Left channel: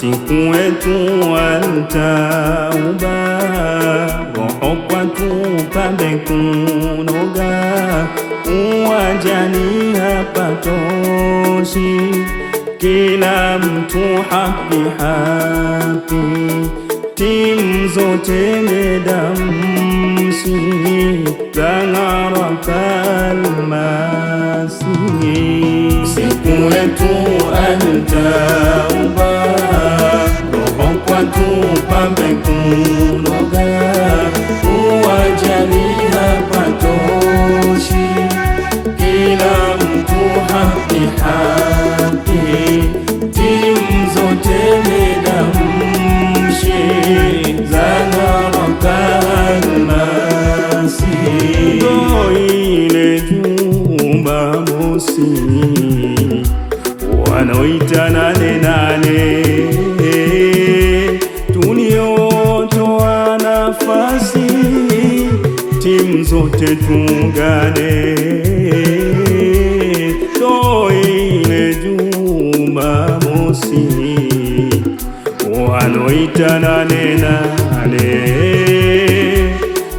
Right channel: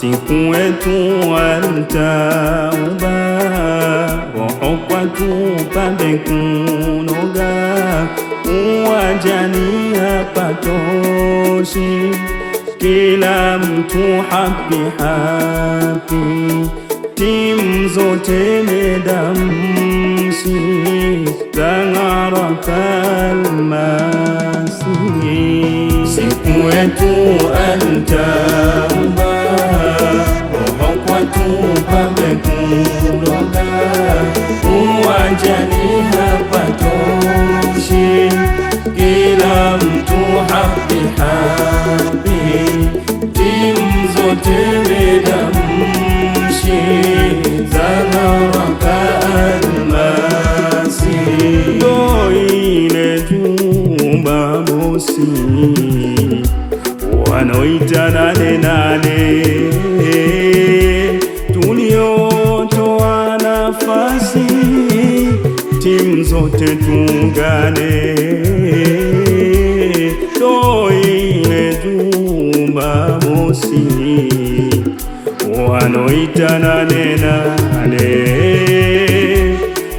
usiku wetu altauba, roho kwatu pambe kunoga, uwajani hapatoshi, kila mtu happy happy, timu zote medamshi, zang'ara kalmasi. Usiku wetu altauba, roho kwatu pambe kunoga, uwajani hapatoshi, kila mtu happy happy, timu zote medamshi, zang'ara kalmasi. Ndo ile jumba mosi wanaoita nane nane, tuliotoa nafasi timu zote tungane. Ndo ile Jumamosi wanaoita nane nane,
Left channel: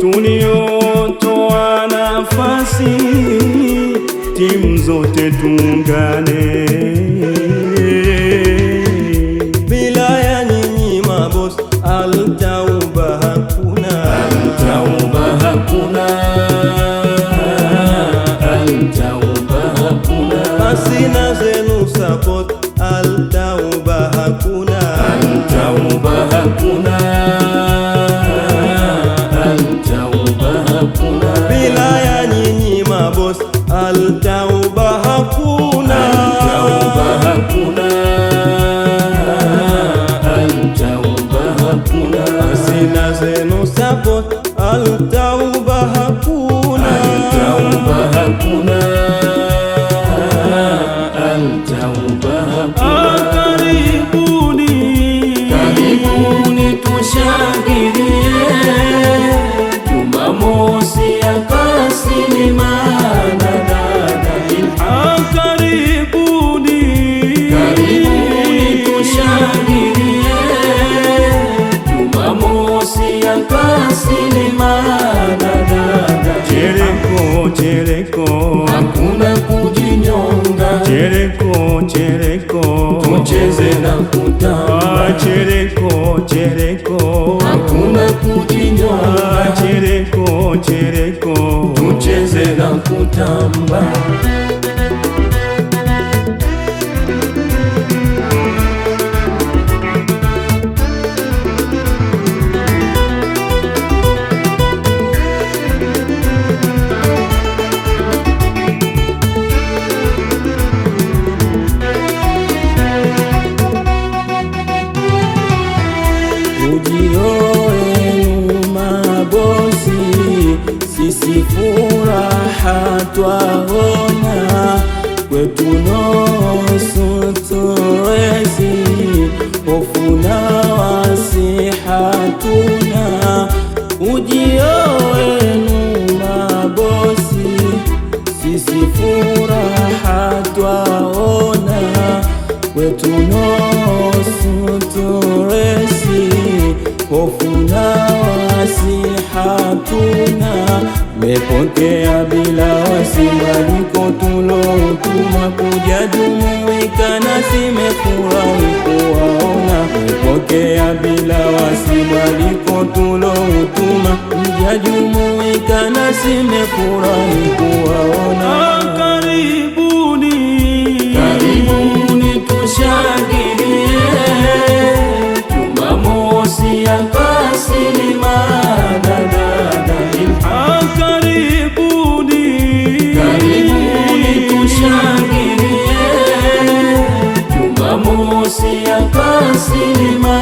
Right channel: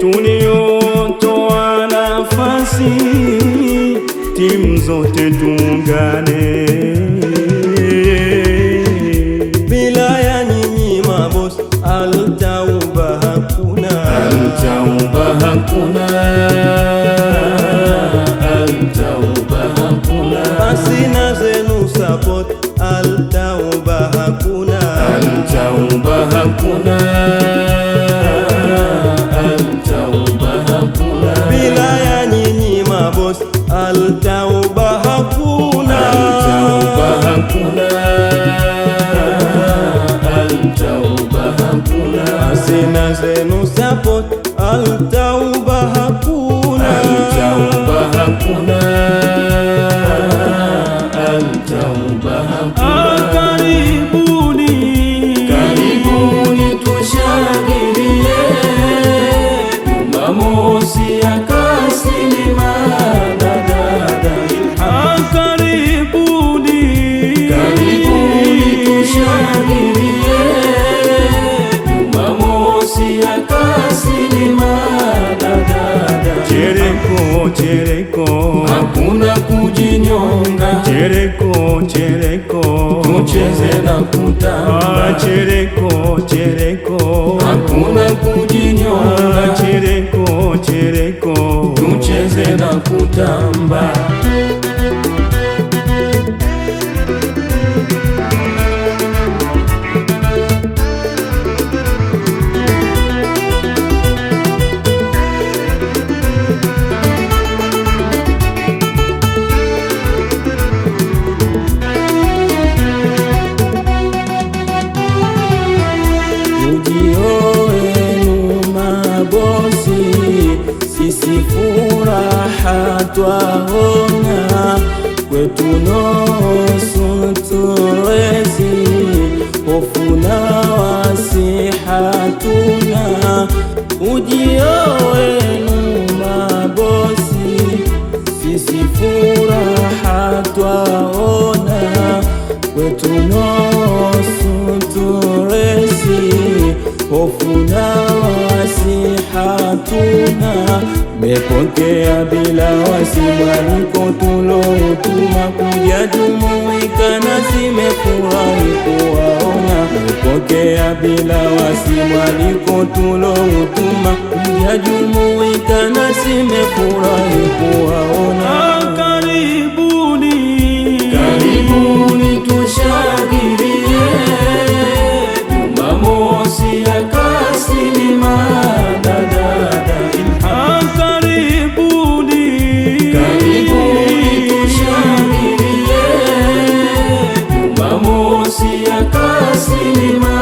tuliotoa nafasi timu zote tungane. Bila ya nyinyi maboss altauba hakuna, altauba hakuna, altauba hakuna. Basi na zenu support altauba hakuna, altauba hakuna, altauba hakuna. Bila ya nyinyi maboss altauba hakuna, altauba hakuna, altauba hakuna. Basi na zenu support altauba hakuna, altauba hakuna, altauba hakuna. Karibuni, karibuni tushangilie Jumamosi ya Kasilima na dada Ilham. Karibuni, karibuni tushangilie Jumamosi ya Kasilima na dada. Chereko chereko, hakuna kujinyonga. Chereko chereko, tucheze na kutamba. Chereko chereko, hakuna kujinyonga. Chereko chereko, tucheze na kutamba. ujio wenu mabosi, sisi furaha twaona, kwetu nusu turezi, hofu na wasi hatuna. Ujio wenu mabosi, sisi furaha twaona, kwetu nusu turezi, hofu na wasi hatuna. Mepokea bila wasi mwaliko tuloutuma, kuja jumuika nasi mefurahi kuwaona. Mepokea bila wasi mwaliko tuloutuma, kuja jumuika nasi mefurahi kuwaona. Karibuni, karibuni tushangilie Jumamosi ya Kasilima na dada Ilham. Karibuni, karibuni tushangilie Jumamosi ya Kasilima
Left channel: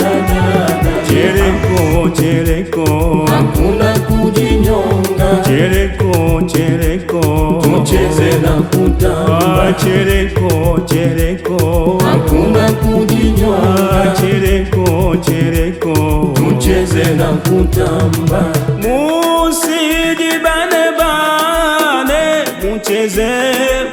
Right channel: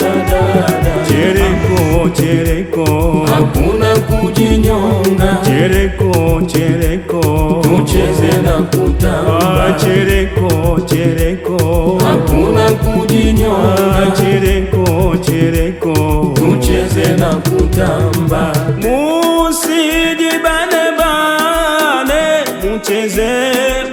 na dada. Chereko chereko, hakuna kujinyonga. Chereko chereko, tucheze na kutamba. Chereko chereko, hakuna kujinyonga. Chereko chereko, tucheze na kutamba. Musijibane bane, mucheze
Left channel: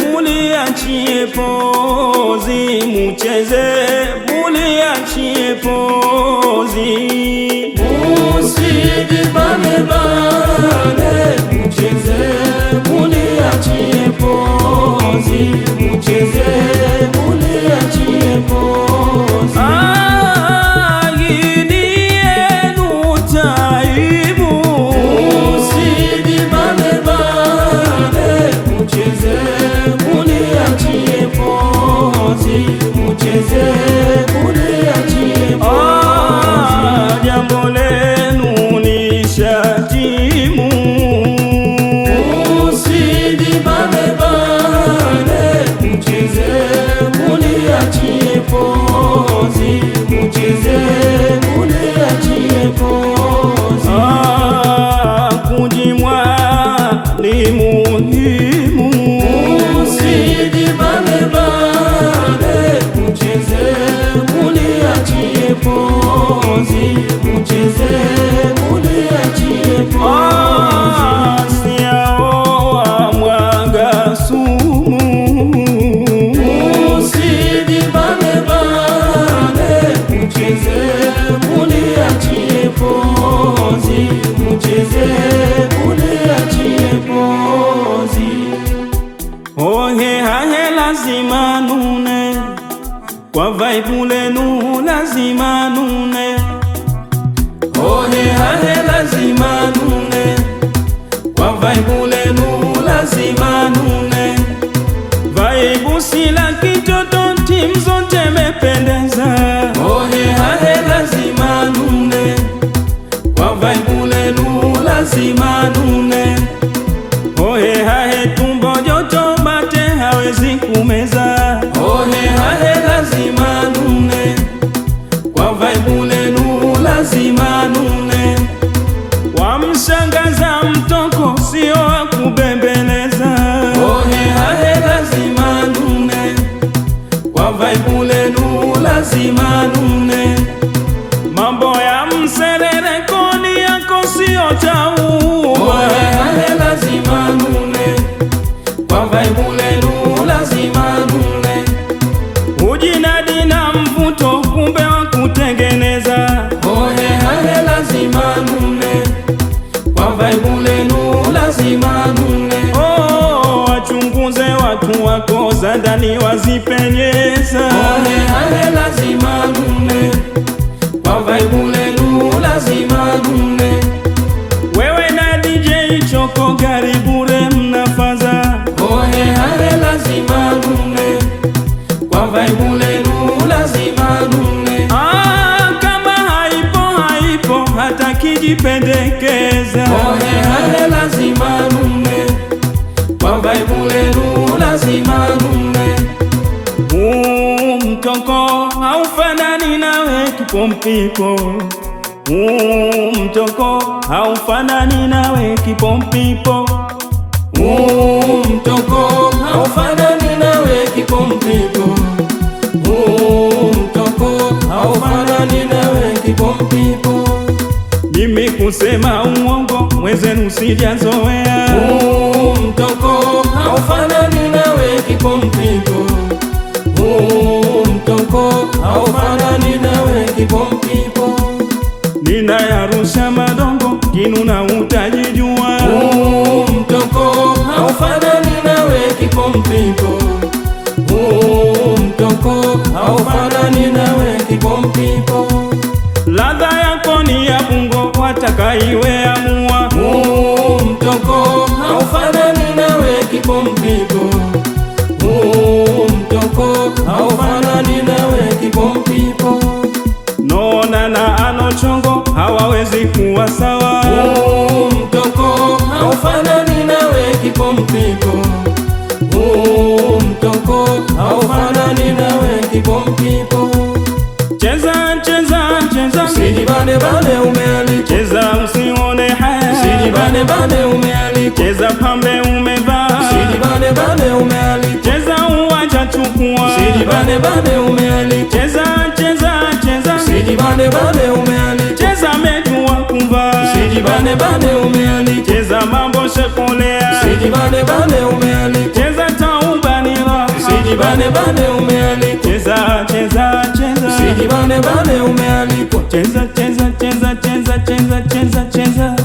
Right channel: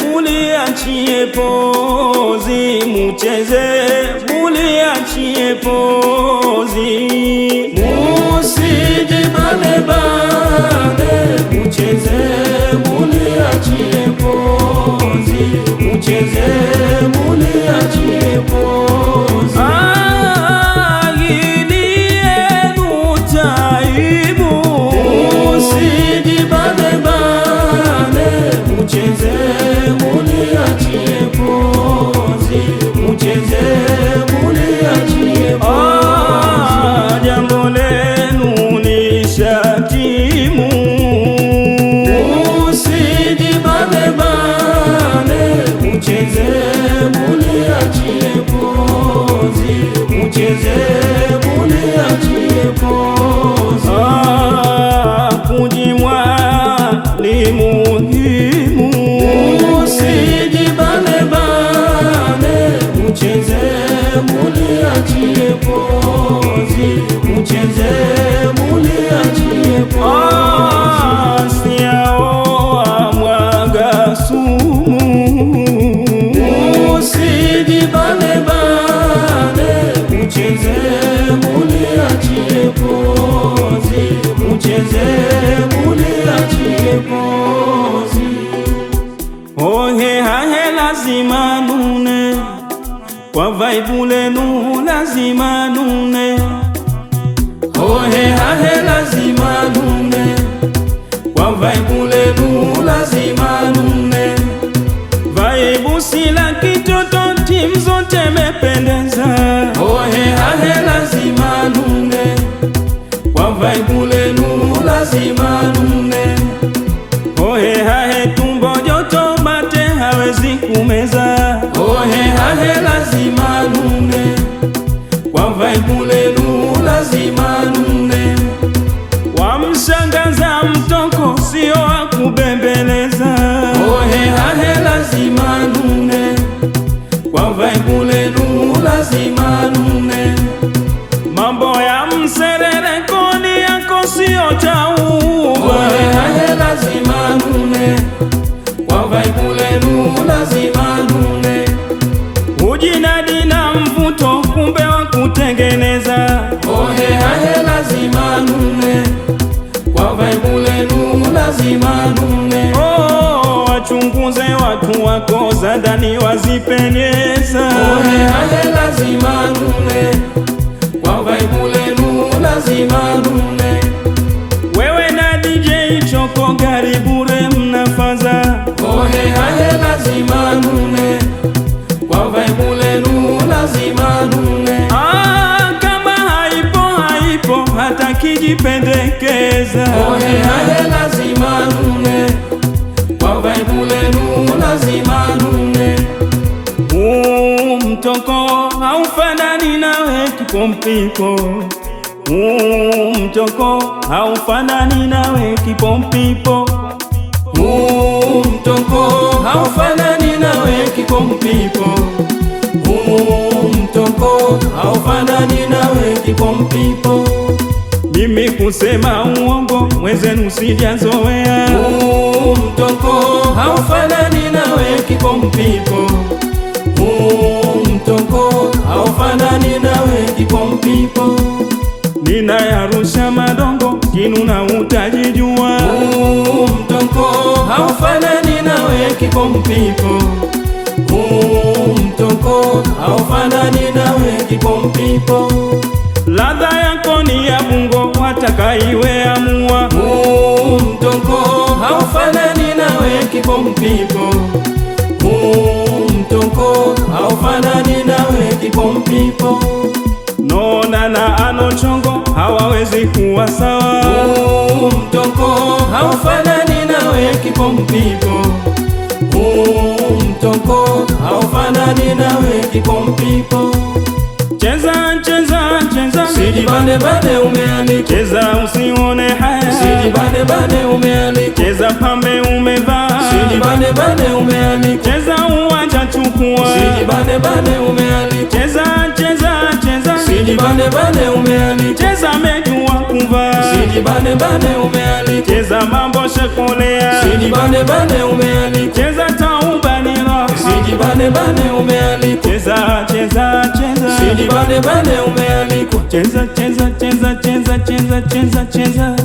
mulia muliachie pozi, mucheze muliachie pozi. Musijibane bane, mucheze muliachie pozi, mucheze muliachie pozi. Hii yenu taimu. Musijibane bane, mucheze muliachie pozi, mucheze muliachie pozi. Jambo lenu ni shatimu. Musijibane bane, mucheze muliachie pozi, mucheze muliachie pozi. Kujimwa ni muhimu. Musijibane bane, mucheze muliachie pozi, mucheze muliachie pozi. Siaoa mwaga sumu. Musijibane bane, mucheze muliachie pozi, mucheze muliachie pozi. Ohe hahe lazima nune, kwa vaibu lenu lazima nune. Ohe hahe lazima nune, kwa vaibu lenu lazima nune. Vaibu sila kitoto, timu zote mependeza. Ohe hahe lazima nune, kwa vaibu lenu lazima nune. Ohe hahe tumbo joto, mate hawezi kumeza. Ohe hahe lazima nune, kwa vaibu lenu lazima nune. Wamshangaza mtoko, sio wa kubembeleza. Ohe hahe lazima nune, kwa vaibu lenu lazima nune. Mambo ya mserereko yako sio tauba. Ohe hahe lazima nune, kwa vaibu lenu lazima nune. Ujinadi na mvuto, kumbe wa kutengeneza. Ohe hahe lazima nune, kwa vaibu lenu lazima nune. Wachunguze watu wako za ndani wazipenyeza. Ohe hahe lazima nune, kwa vaibu lenu lazima nune. Wewe na DJ Choko Garibure mnafaza. Ohe hahe lazima nune, kwa vaibu lenu lazima nune. Kama haipo hata kijipendekeza. Ohe hahe lazima nune, kwa vaibu lenu lazima nune. Mtoko haufanani nawe kipompipo. Mtoko haufanani nawe kipompipo. Mtoko haufanani nawe kipompipo. Mtoko haufanani nawe kipompipo. Mimi kusema uongo mwenzenu sijazoea. Mtoko haufanani nawe kipompipo. Mtoko haufanani nawe kipompipo. Ninayarusha madongo kinuna utajijua. Mtoko haufanani nawe kipompipo. Mtoko haufanani nawe kipompipo. Ladha yako ni ya bungo, watakaiwe amua. Mtoko haufanani nawe kipompipo. Mtoko haufanani nawe kipompipo. Nona na Anochongo hawawezi kuwa sawa. Mtoko haufanani nawe kipompipo. Mtoko haufanani nawe kipompipo. Cheza cheza cheza, Sijibane bane umealika. cheza usione haya. Sijibane bane umealika. Cheza pambe umevaa. Sijibane bane umealika. Cheza uwanja chukua. Sijibane bane umealika. Cheza cheza cheza, Sijibane bane umealika. cheza mejua kuvaa. Sijibane bane umealika. Cheza mambo shakolea. Sijibane bane umealika. Cheza tauba ni raha. Usijibane bane umealikwa. Cheza cheza cheza. Usijibane bane umealikwa. Cheza cheza cheza cheza cheza cheza cheza.